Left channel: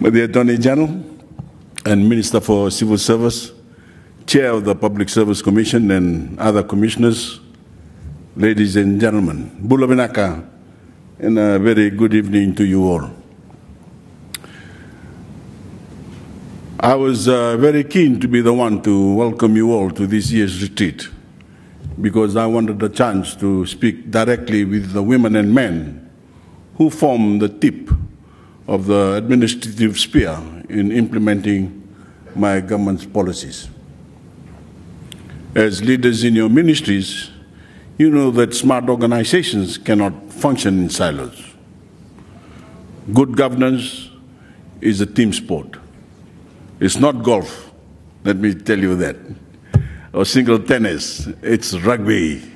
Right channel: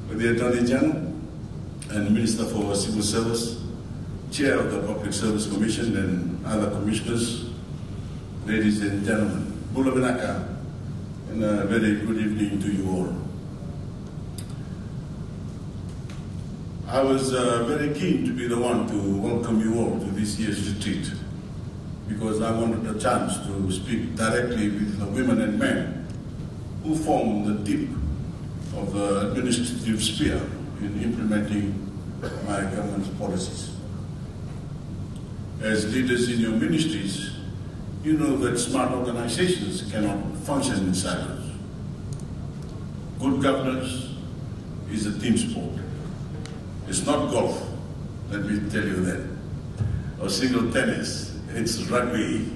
With the Attorney General and Minister for Civil Service, Chair of the Public Service Commission and other commissioners, ladies and gentlemen, Bula Vinaka, and a very good evening to you all. I was very keen to be the one to welcome you all to this year's retreat because I wanted a chance to speak directly with the women and men who form the tip of the administrative sphere in implementing my government's policies. As leaders in your ministries, you know that smart organizations cannot function in silos. Good governance is a team sport. It's not golf, let me tell you that, or single tennis, it's rugby.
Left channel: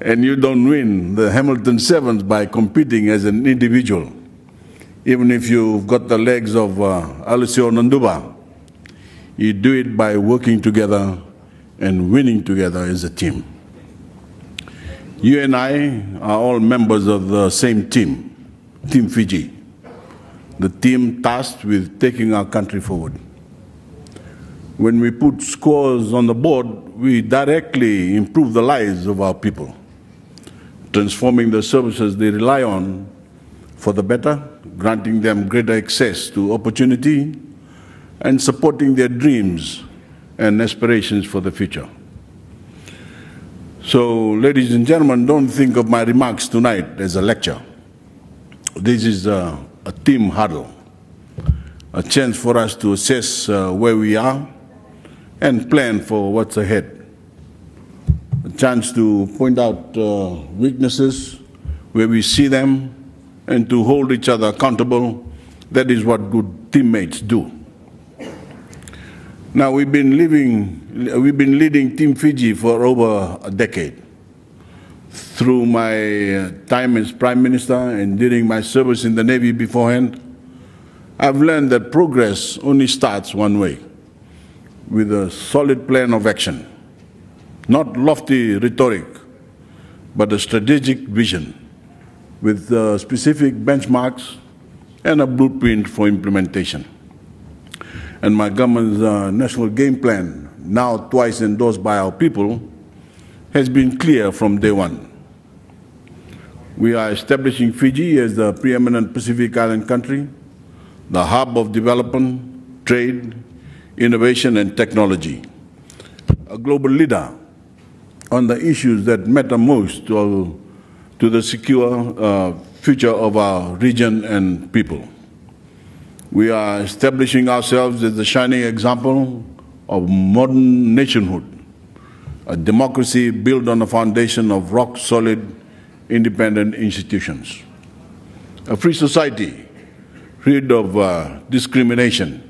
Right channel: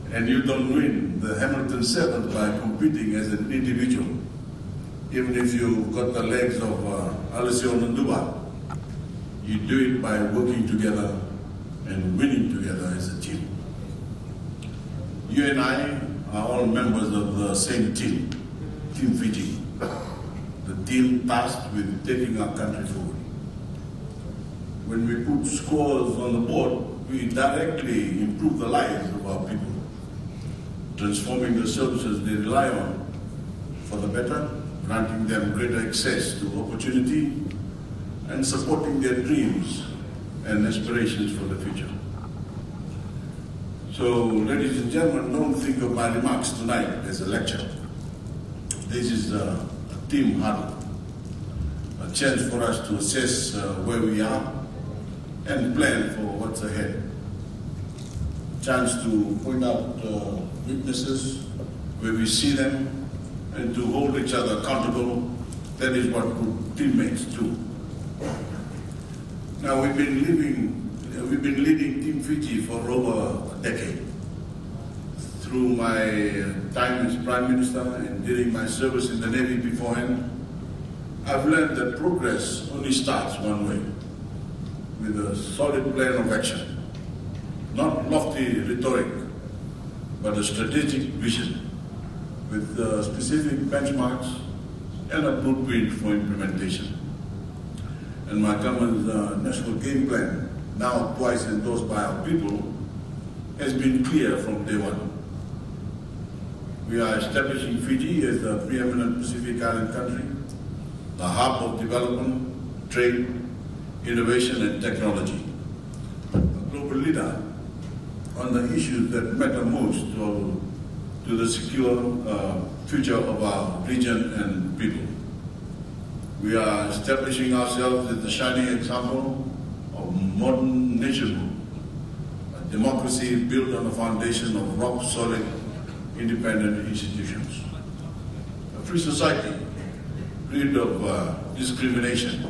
And you don't win the Hamilton Sevens by competing as an individual. Even if you've got the legs of Alessio Nanduba, you do it by working together and winning together as a team. You and I are all members of the same team, Team Fiji, the team tasked with taking our country forward. When we put scores on the board, we directly improve the lives of our people, transforming the services they rely on for the better, granting them greater access to opportunity, and supporting their dreams and aspirations for the future. So, ladies and gentlemen, don't think of my remarks tonight as a lecture. This is a team huddle, a chance for us to assess where we are and plan for what's ahead. A chance to point out weaknesses where we see them and to hold each other accountable. That is what good teammates do. Now, we've been leading Team Fiji for over a decade. Through my time as Prime Minister and during my service in the Navy beforehand, I've learned that progress only starts one way, with a solid plan of action. Not lofty rhetoric, but a strategic vision with specific benchmarks and a blueprint for implementation. And my government's national game plan, now twice endorsed by our people, has been clear from day one. We are establishing Fiji as the preeminent Pacific Island country, the hub of development, trade, innovation and technology, a global leader on the issues that matter most to the secure future of our region and people. We are establishing ourselves as the shining example of modern nationhood, a democracy built on a foundation of rock-solid independent institutions, a free society rid of discrimination,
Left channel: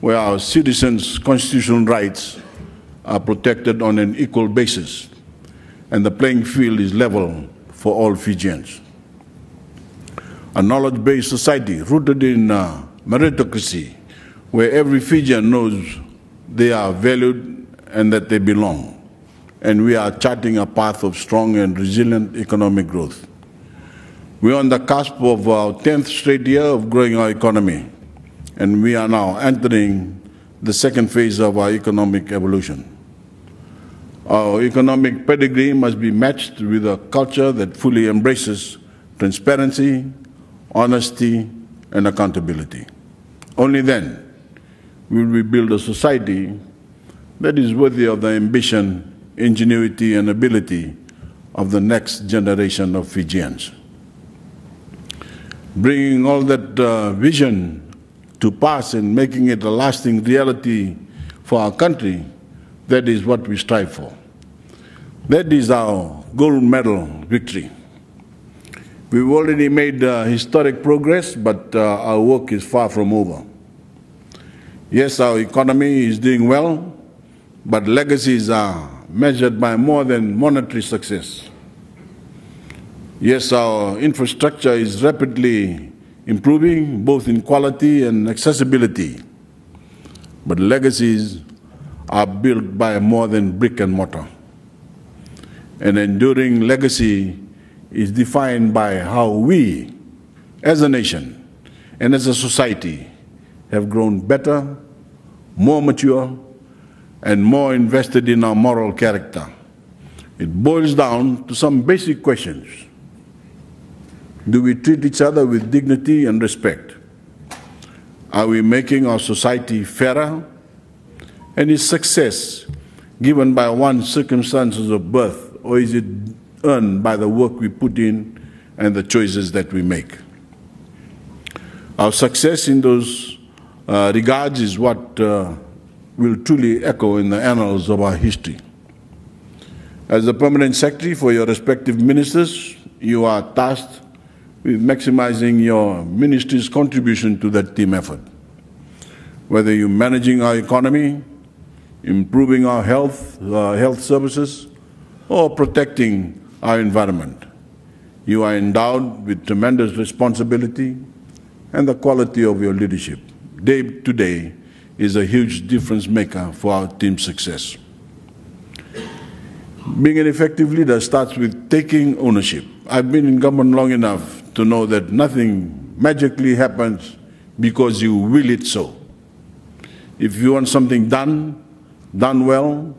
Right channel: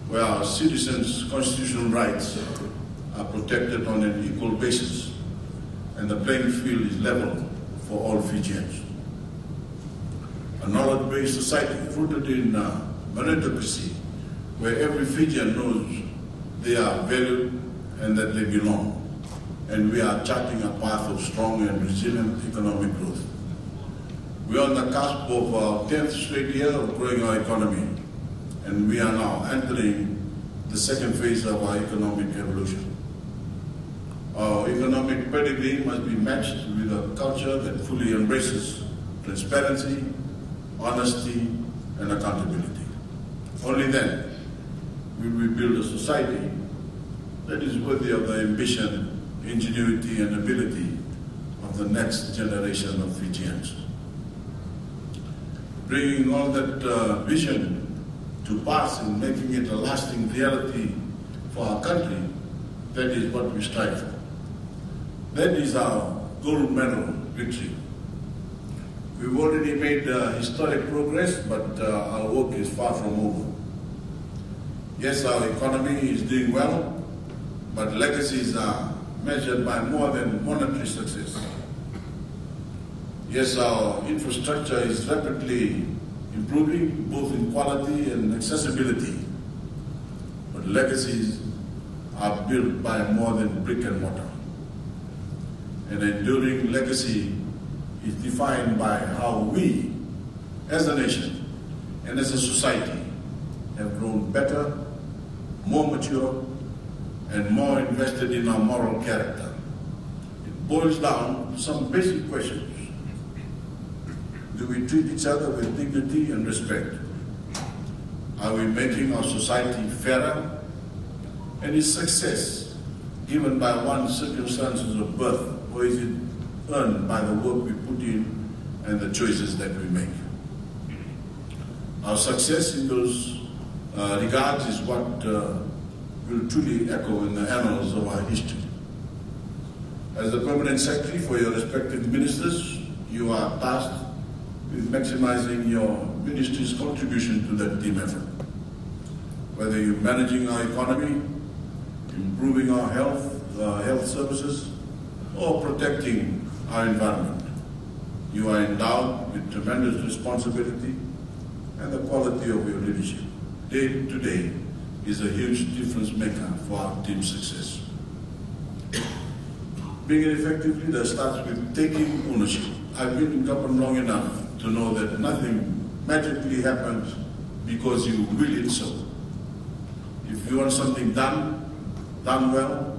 where our citizens' constitutional rights are protected on an equal basis and the playing field is level for all Fijians. A knowledge-based society rooted in meritocracy, where every Fijian knows they are valued and that they belong. And we are charting a path of strong and resilient economic growth. We are on the cusp of our 10th straight year of growing our economy, and we are now entering the second phase of our economic evolution. Our economic pedigree must be matched with a culture that fully embraces transparency, honesty, and accountability. Only then will we build a society that is worthy of the ambition, ingenuity, and ability of the next generation of Fijians. Bringing all that vision to pass and making it a lasting reality for our country, that is what we strive for. That is our gold medal victory. We've already made historic progress, but our work is far from over. Yes, our economy is doing well, but legacies are measured by more than monetary success. Yes, our infrastructure is rapidly improving, both in quality and accessibility, but legacies are built by more than brick and mortar. An enduring legacy is defined by how we, as a nation, and as a society have grown better, more mature, and more invested in our moral character. It boils down to some basic questions. Do we treat each other with dignity and respect? Are we making our society fairer? And is success given by one's circumstances of birth, or is it earned by the work we put in and the choices that we make? Our success in those regards is what will truly echo in the annals of our history. As the Permanent Secretary for your respective ministers, you are tasked with maximizing your ministry's contribution to that team effort. Whether you're managing our economy, improving our health services, or protecting our environment, you are endowed with tremendous responsibility, and the quality of your leadership day to day is a huge difference maker for our team's success. Being an effective leader starts with taking ownership. I've been in government long enough to know that nothing magically happens because you will it so. If you want something done well,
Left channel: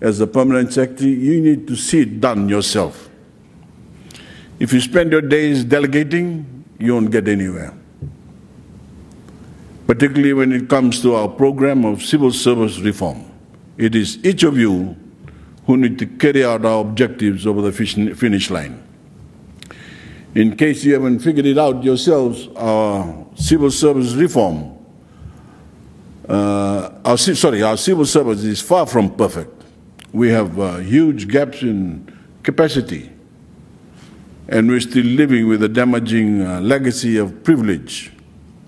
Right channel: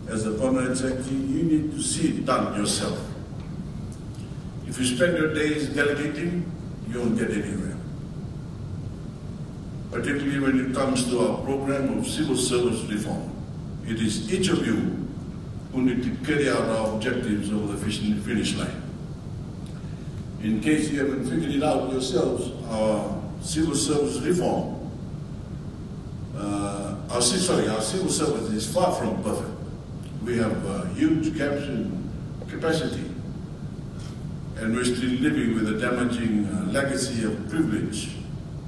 as the Permanent Secretary, you need to see it done yourself. If you spend your days delegating, you won't get anywhere. Particularly when it comes to our program of civil service reform. It is each of you who need to carry out our objectives over the finish line. In case you haven't figured it out yourselves, our civil service reform, our civil service is far from perfect. We have huge gaps in capacity, and we're still living with a damaging legacy of privilege,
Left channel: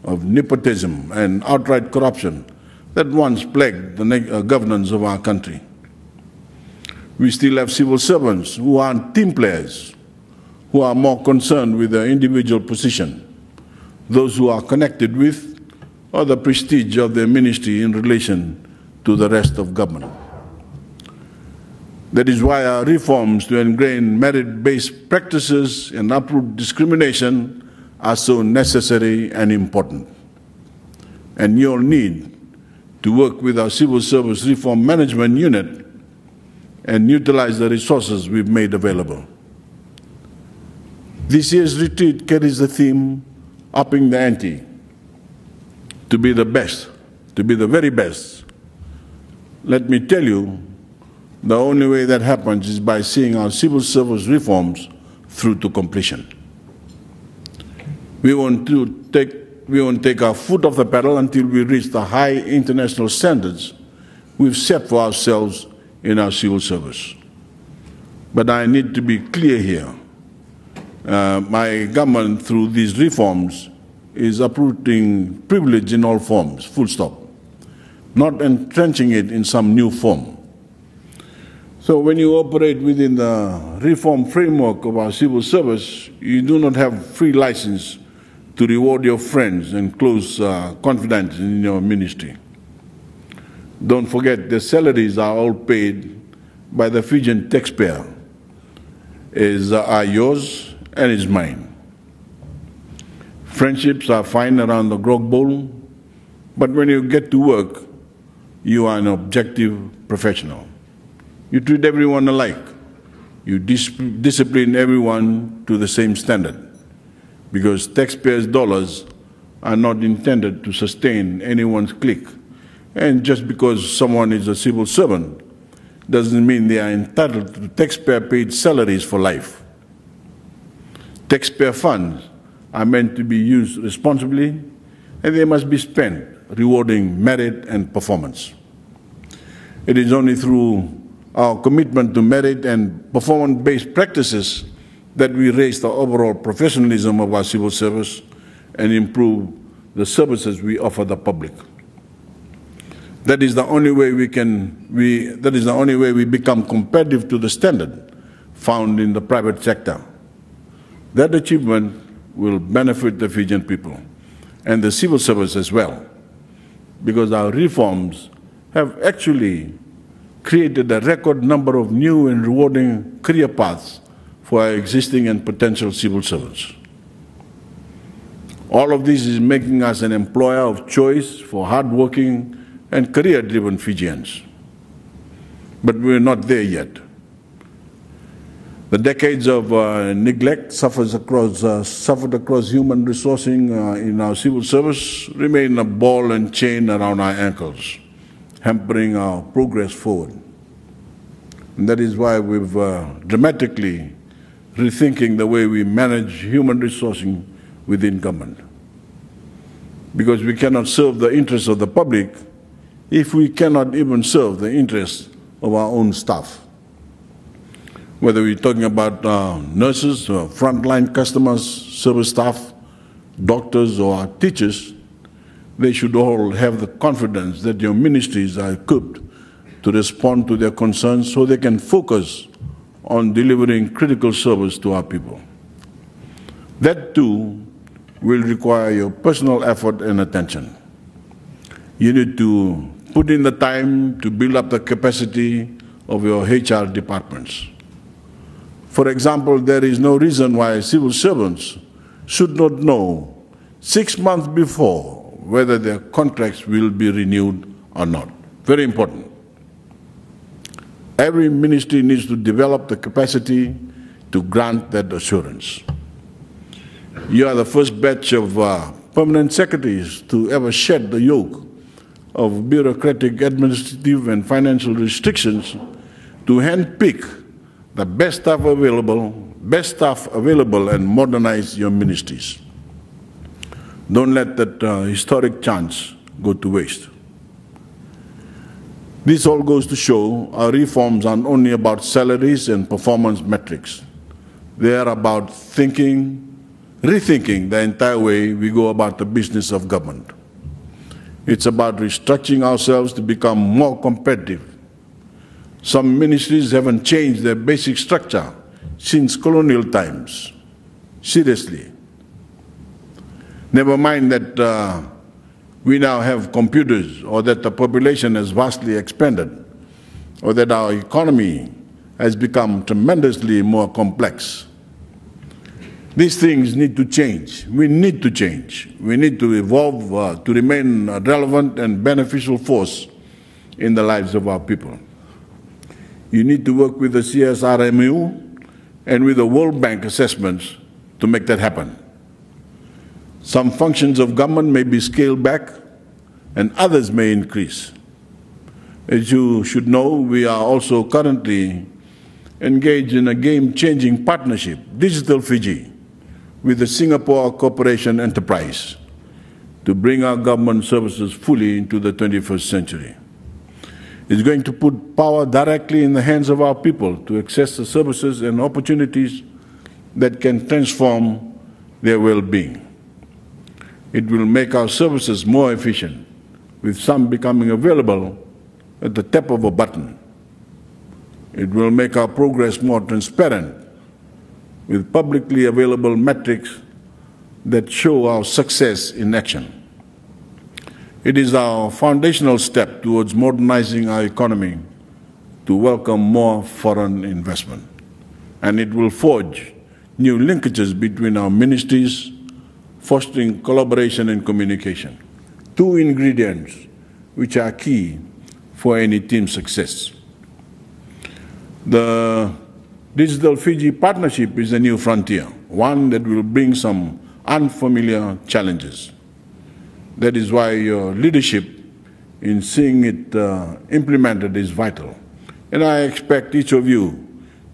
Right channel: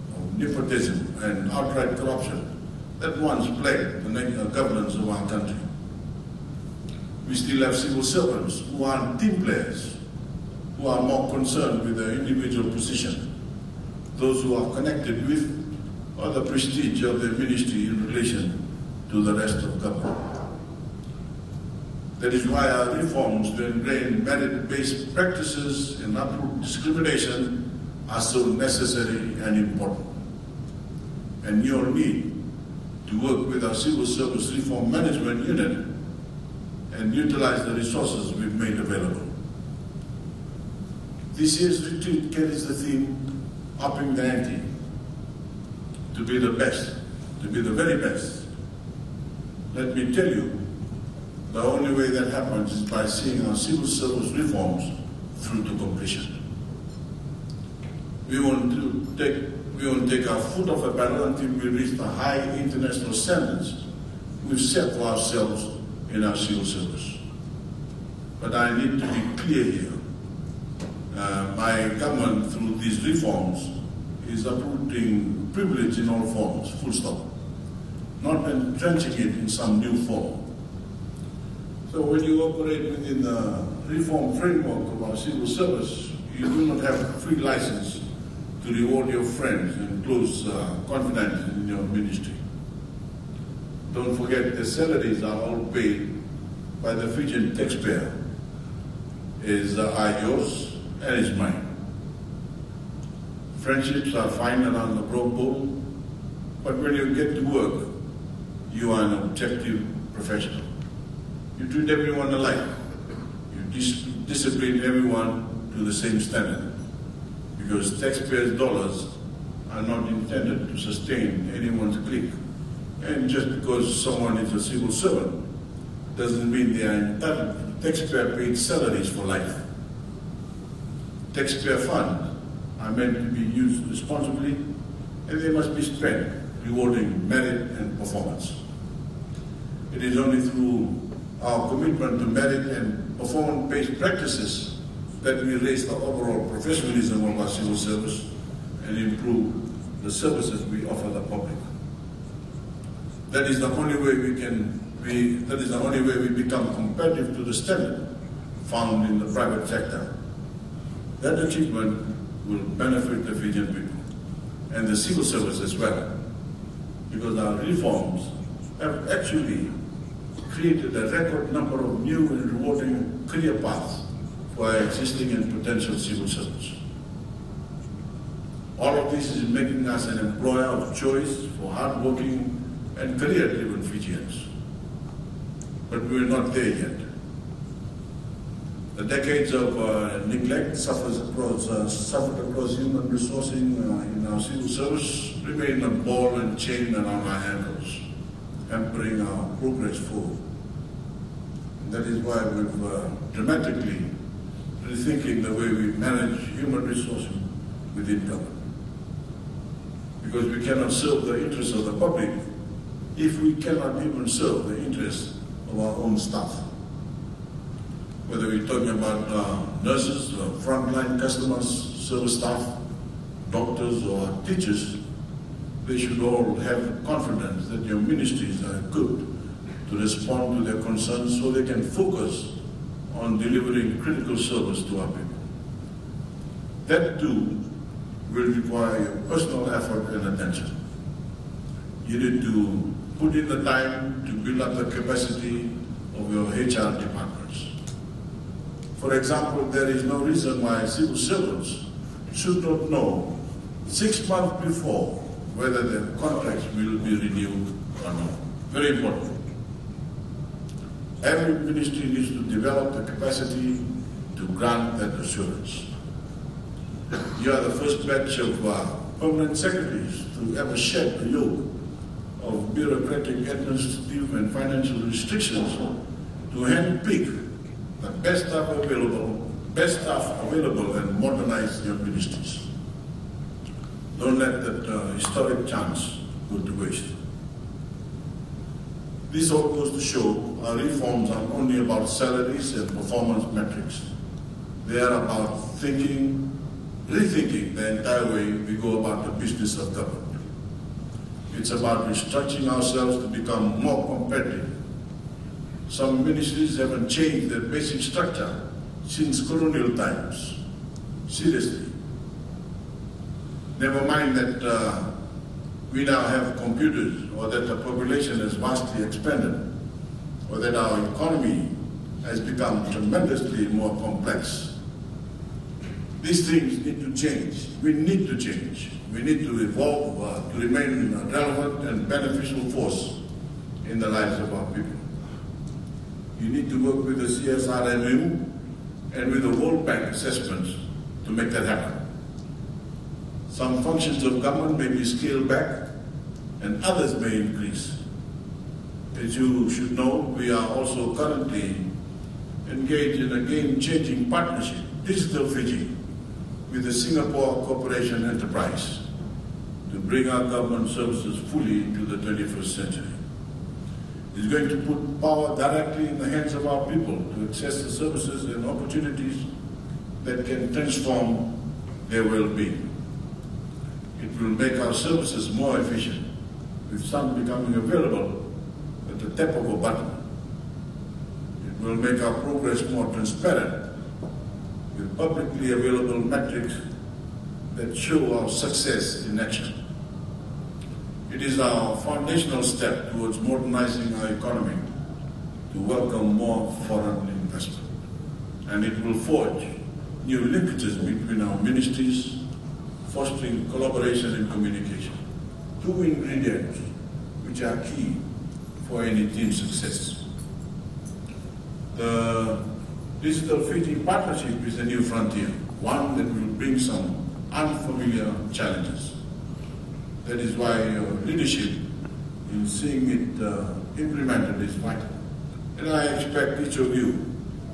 of nepotism and outright corruption that once plagued the governance of our country. We still have civil servants who aren't team players, who are more concerned with their individual position, those who are connected with or the prestige of their ministry in relation to the rest of government. That is why our reforms to ingrain merit-based practices and uproot discrimination are so necessary and important. And you'll need to work with our Civil Service Reform Management Unit and utilize the resources we've made available. This year's retreat carries the theme, upping the ante, to be the best, to be the very best. Let me tell you, the only way that happens is by seeing our civil service reforms through to completion. We won't take our foot off the pedal until we reach the high international standards we've set for ourselves in our civil service. But I need to be clear here. My government, through these reforms, is uprooting privilege in all forms, full stop, not entrenching it in some new form. So when you operate within the reform framework of our civil service, you do not have free license to reward your friends and close confidence in your ministry. Don't forget, the salaries are all paid by the Fijian taxpayer, are yours and is mine. Friendships are fine around the grog bowl, but when you get to work, you are an objective professional. You treat everyone alike. You discipline everyone to the same standard, because taxpayers' dollars are not intended to sustain anyone's clique. And just because someone is a civil servant doesn't mean they are entitled to taxpayer-paid salaries for life. Taxpayer funds are meant to be used responsibly, and they must be spent rewarding merit and performance. It is only through our commitment to merit and performance-based practices that we raise the overall professionalism of our civil service and improve the services we offer the public. That is the only way we become competitive to the standard found in the private sector. That achievement will benefit the Fijian people and the civil service as well, because our reforms have actually created a record number of new and rewarding career paths for our existing and potential civil servants. All of this is making us an employer of choice for hardworking and career-driven Fijians. But we're not there yet. The decades of neglect suffered across human resourcing in our civil service remain a ball and chain around our ankles, hampering our progress forward. And that is why we've dramatically rethinking the way we manage human resourcing within government. Because we cannot serve the interests of the public if we cannot even serve the interests of our own staff. Whether we're talking about nurses, or frontline customers, service staff, doctors, or teachers, they should all have the confidence that your ministries are equipped to respond to their concerns so they can focus on delivering critical service to our people. That too will require your personal effort and attention. You need to put in the time to build up the capacity of your HR departments. For example, there is no reason why civil servants should not know 6 months before whether their contracts will be renewed or not. Very important. Every ministry needs to develop the capacity to grant that assurance. You are the first batch of permanent secretaries to ever shed the yoke of bureaucratic, administrative, and financial restrictions to handpick the best staff available and modernize your ministries. Don't let that historic chance go to waste. This all goes to show our reforms aren't only about salaries and performance metrics. They are about rethinking the entire way we go about the business of government. It's about restructuring ourselves to become more competitive. Some ministries haven't changed their basic structure since colonial times. Seriously. Never mind that we now have computers, or that the population has vastly expanded, or that our economy has become tremendously more complex. These things need to change. We need to change. We need to evolve to remain a relevant and beneficial force in the lives of our people. You need to work with the CSRMU and with the World Bank assessments to make that happen. Some functions of government may be scaled back and others may increase. As you should know, we are also currently engaged in a game-changing partnership, Digital Fiji, with the Singapore Corporation Enterprise to bring our government services fully into the 21st century. It's going to put power directly in the hands of our people to access the services and opportunities that can transform their well-being. It will make our services more efficient, with some becoming available at the tap of a button. It will make our progress more transparent, with publicly available metrics that show our success in action. It is our foundational step towards modernizing our economy to welcome more foreign investment. And it will forge new linkages between our ministries, fostering collaboration and communication. Two ingredients which are key for any team success. The Digital Fiji partnership is a new frontier, one that will bring some unfamiliar challenges. That is why your leadership in seeing it implemented is vital. And I expect each of you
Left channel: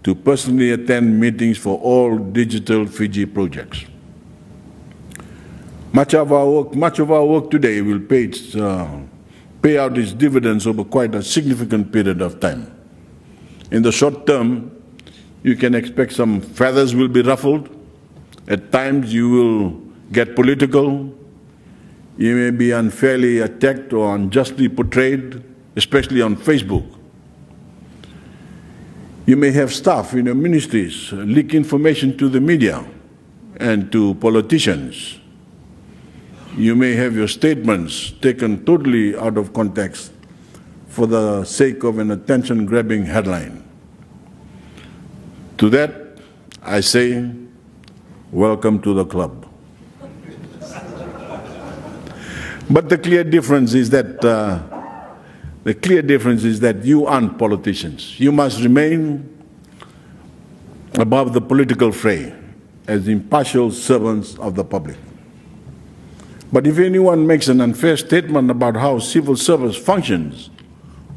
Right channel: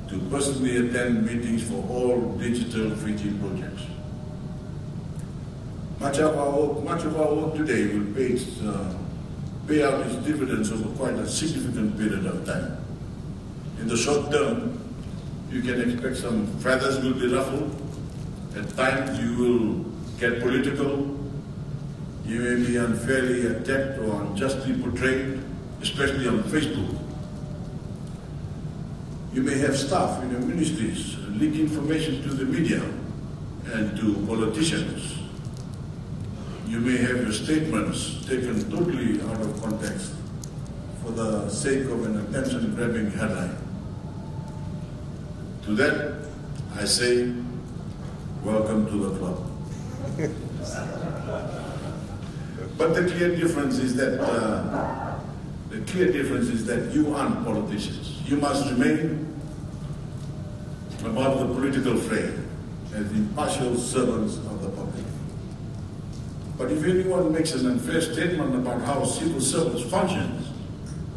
to personally attend meetings for all Digital Fiji projects. Much of our work today will pay out its dividends over quite a significant period of time. In the short term, you can expect some feathers will be ruffled. At times you will get political. You may be unfairly attacked or unjustly portrayed, especially on Facebook. You may have staff in your ministries leak information to the media and to politicians. You may have your statements taken totally out of context for the sake of an attention-grabbing headline. To that, I say, welcome to the club. But the clear difference is that you aren't politicians. You must remain above the political fray as impartial servants of the public. But if anyone makes an unfair statement about how civil service functions,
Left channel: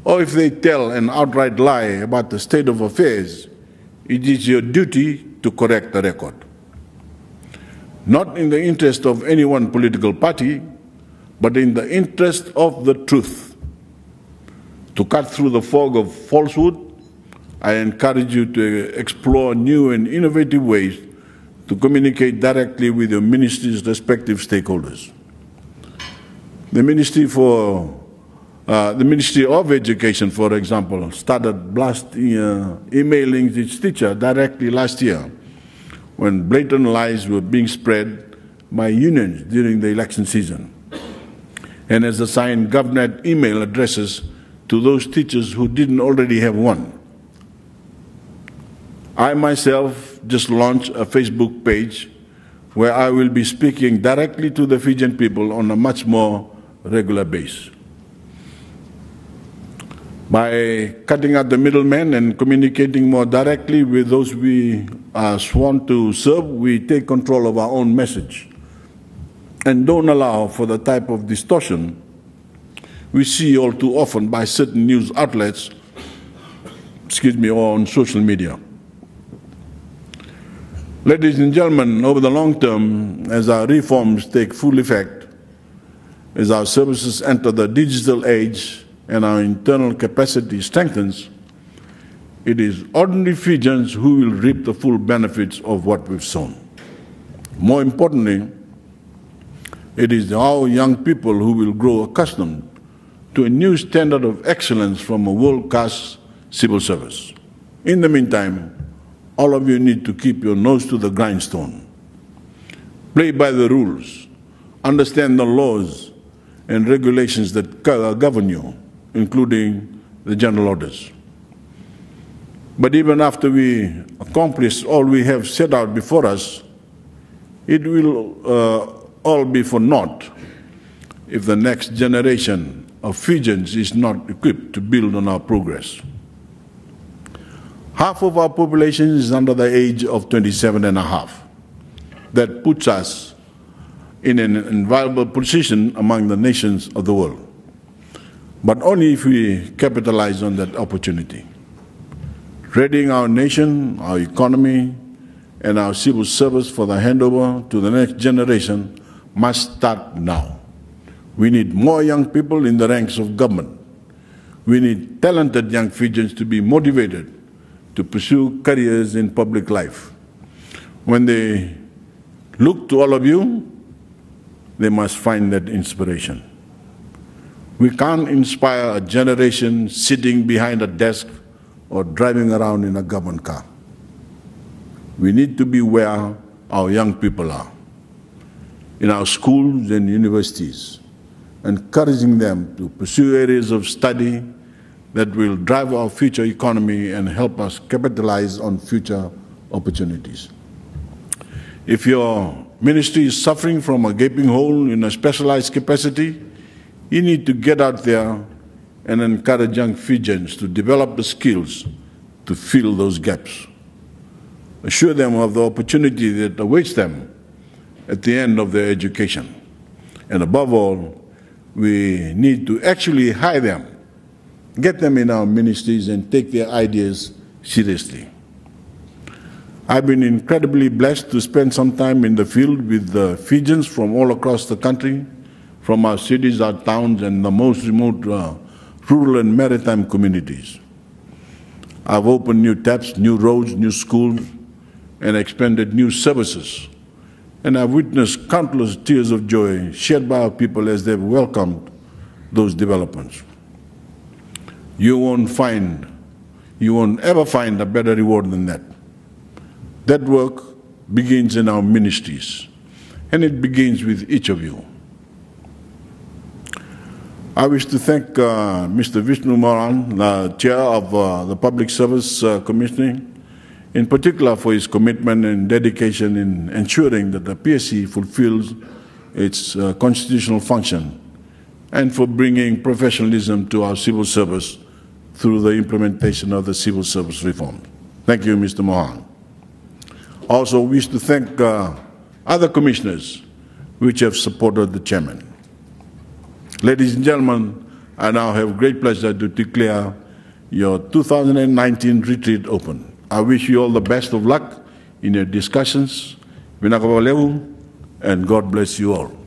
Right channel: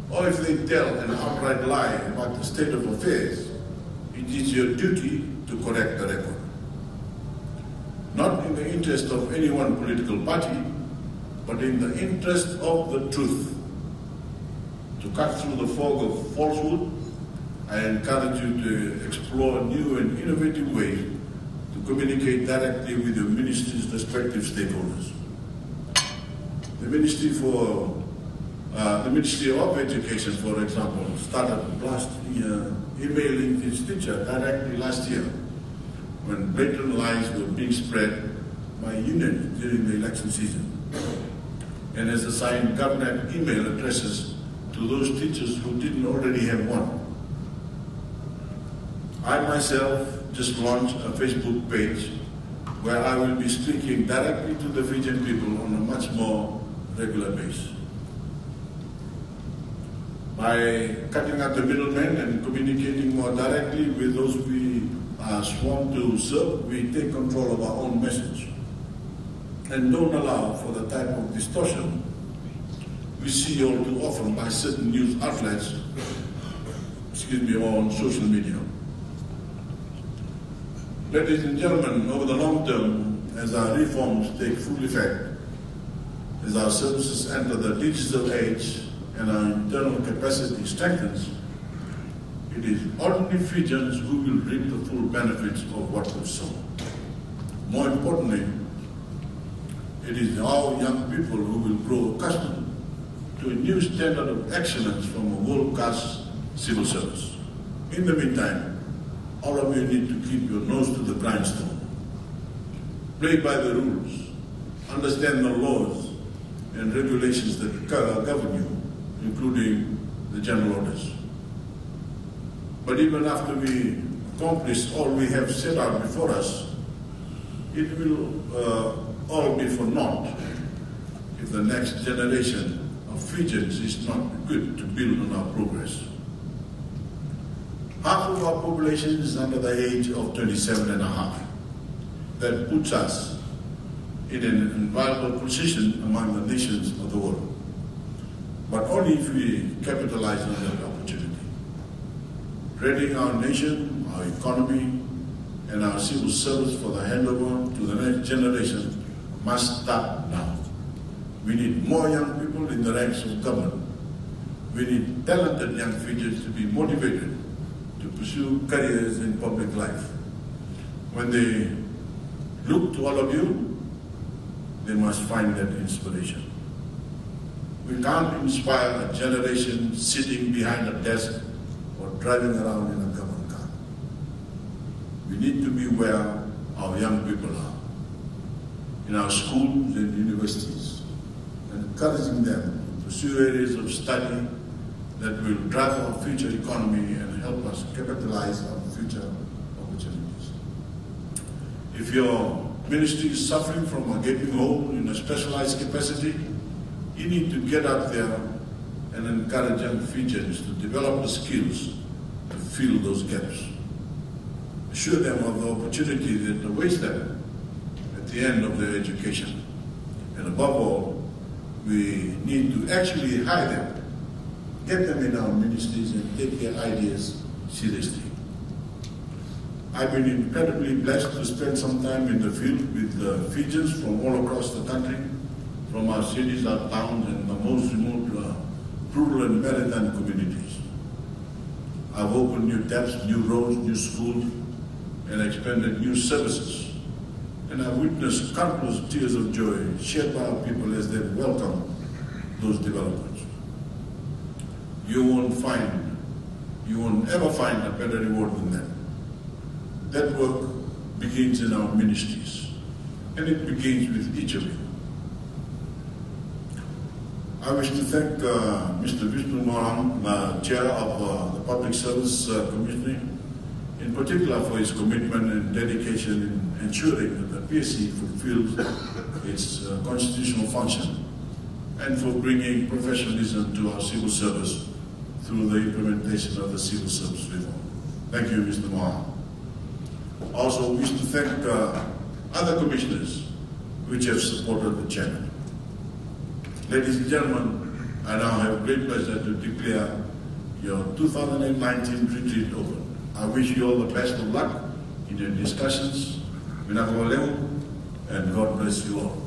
or if they tell an outright lie about the state of affairs, it is your duty to correct the record. Not in the interest of any one political party, but in the interest of the truth. To cut through the fog of falsehood, I encourage you to explore new and innovative ways to communicate directly with your ministry's respective stakeholders. The Ministry of Education, for example, started emailing its teacher directly last year when blatant lies were being spread by unions during the election season, and has assigned government email addresses to those teachers who didn't already have one. I myself just launched a Facebook page where I will be speaking directly to the Fijian people on a much more regular basis. By cutting out the middlemen and communicating more directly with those we are sworn to serve, we take control of our own message and don't allow for the type of distortion we see all too often by certain news outlets, or on social media. Ladies and gentlemen, over the long term, as our reforms take full effect, as our services enter the digital age and our internal capacity strengthens, it is ordinary Fijians who will reap the full benefits of what we've sown. More importantly, it is our young people who will grow accustomed to a new standard of excellence from a world-class civil service. In the meantime, all of you need to keep your nose to the grindstone. Play by the rules, understand the laws and regulations that govern you, including the general orders. But even after we accomplish all we have set out before us, it will all be for naught if the next generation of Fijians is not equipped to build on our progress. Half of our population is under the age of 27 and a half. That puts us in an enviable position among the nations of the world, but only if we capitalize on that opportunity. Readying our nation, our economy, and our civil service for the handover to the next generation must start now. We need more young people in the ranks of government. We need talented young Fijians to be motivated to pursue careers in public life. When they look to all of you, they must find that inspiration. We can't inspire a generation sitting behind a desk or driving around in a government car. We need to be where our young people are, in our schools and universities, encouraging them to pursue areas of study that will drive our future economy and help us capitalize on future opportunities. If your ministry is suffering from a gaping hole in a specialized capacity, you need to get out there and encourage young Fijians to develop the skills to fill those gaps. Assure them of the opportunity that awaits them at the end of their education. And above all, we need to actually hire them, get them in our ministries and take their ideas seriously. I've been incredibly blessed to spend some time in the field with the Fijians from all across the country, from our cities, our towns, and the most remote rural and maritime communities. I've opened new taps, new roads, new schools, and expanded new services. And I've witnessed countless tears of joy shed by our people as they've welcomed those developments. You won't ever find a better reward than that. That work begins in our ministries, and it begins with each of you. I wish to thank Mr. Vishnu Moran, the Chair of the Public Service Commission, in particular for his commitment and dedication in ensuring that the PSC fulfills its constitutional function and for bringing professionalism to our civil service through the implementation of the civil service reform. Thank you, Mr. Mohan. Also wish to thank other commissioners which have supported the chairman. Ladies and gentlemen, I now have great pleasure to declare your 2019 retreat open. I wish you all the best of luck in your discussions. And God bless you all.